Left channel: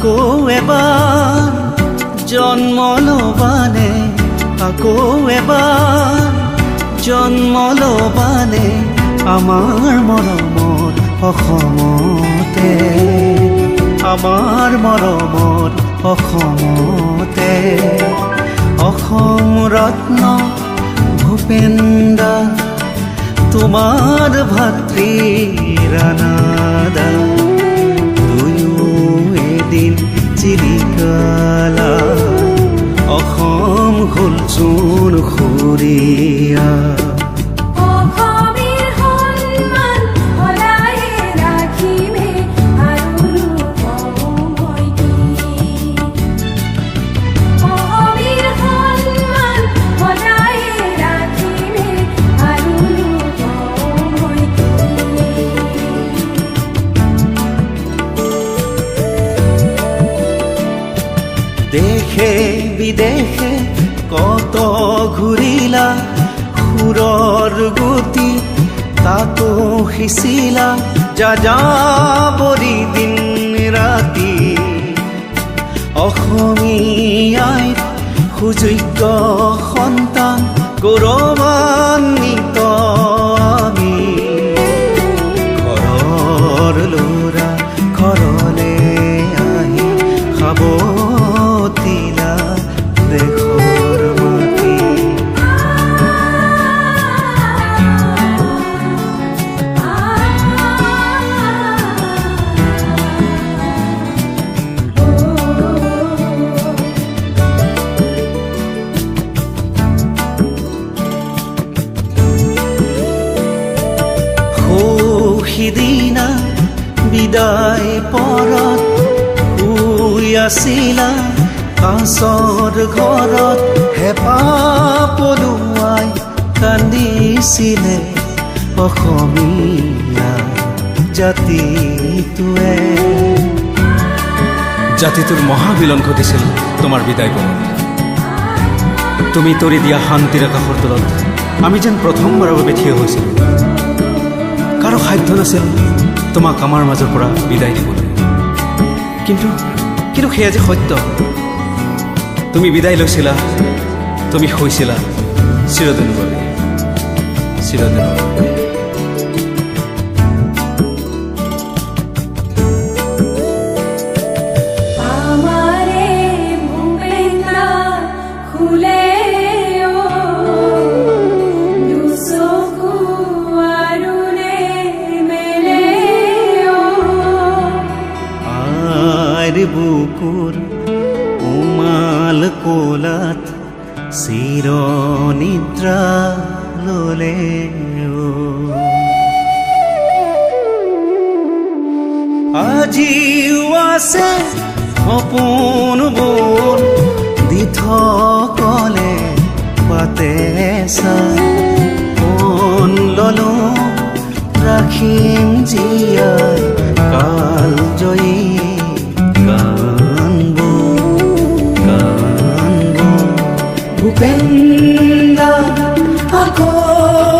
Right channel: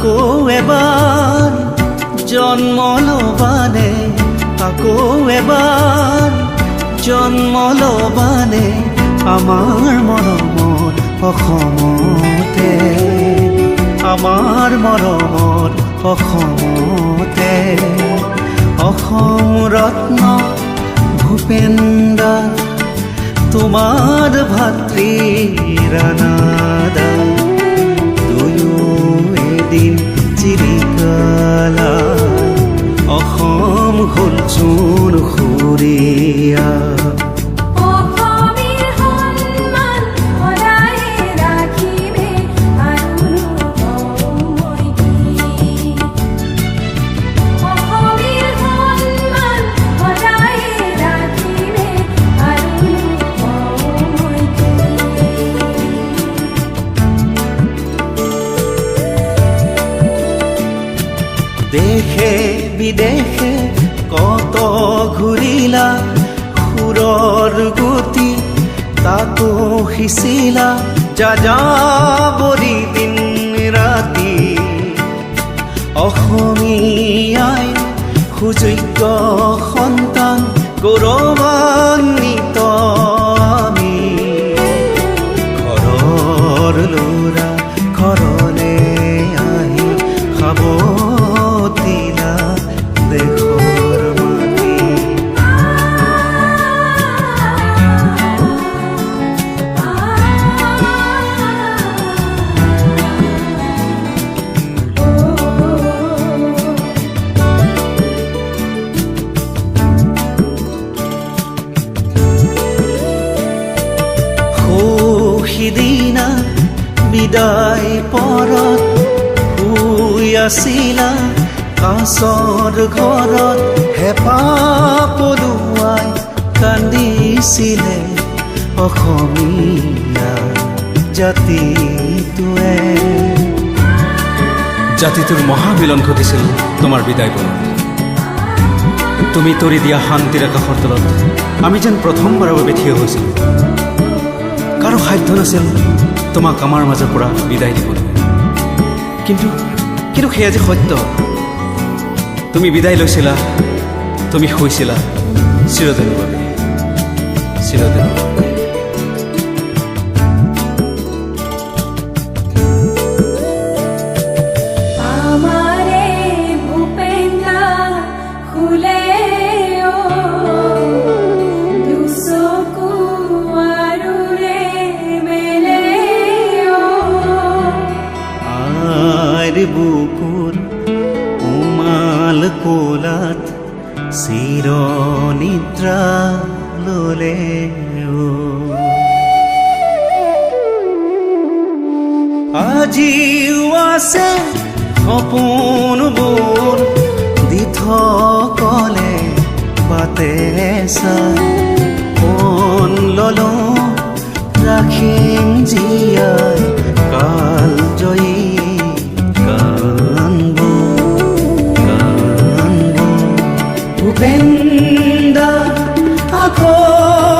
আকৌ এবাৰ জন্ম ল'বানে আকৌ এবাৰ জন্ম ল'বানে আমাৰ মৰমৰ অসমতে আমাৰ মৰমৰ অসমতে অসম ৰত্ন ভূপেন্দা তোমাৰ ভাতৃ ৰাণাদা দুয়ো এদিন চিৰিকালা অসম হ'ল চোন সুৰীয়া দেশে বিদেশে কত ঘূৰিলা সুৰৰ গতি তাতো সিঁচিলা যাযাবৰী দিন ৰাতি অসমীয়াই সুযোগ্য সন্তান গৌৰৱান্বিত আমি ঘৰৰ ল'ৰা ঘৰলে আহি খাব দিলা দেশৰ মাটি সিদিনা বিদায় পৰত শুই আছিলা কাছৰ ঘৰত হেঁপাহ পলুৱাই কান্দিছিলে অসমীয়া জাতিটোৱে জাতিটোৰ মহাবিলন ঘটিছিল তোমাৰ বিদায় পৰত তুমি তৰি দিয়া শান্তিৰ আকাশৰ তলত আমি যেন প্ৰথমবাৰৰ বাবে থিয় হৈছিলোঁ কাৰো সাধ্য নাছিল তোমাক আমাৰ মাজৰ পৰা বিদায় দিবলৈ কিন্তু সেয়া যে সত্য তুমি বিদায় লৈছিলা তুমি শুইছিলা চিৰদিনৰ বাবে চিৰদিনৰ বাবে বুকুৰ উমাল কোলাত চিৰ নিদ্ৰা ললে আজিও আছে সপোনবোৰ দি থকলে বাটে চাই মন ললো ৰাখিম জীয়াই কাল জয়ী কানবো ভূপেন্দা আকৌ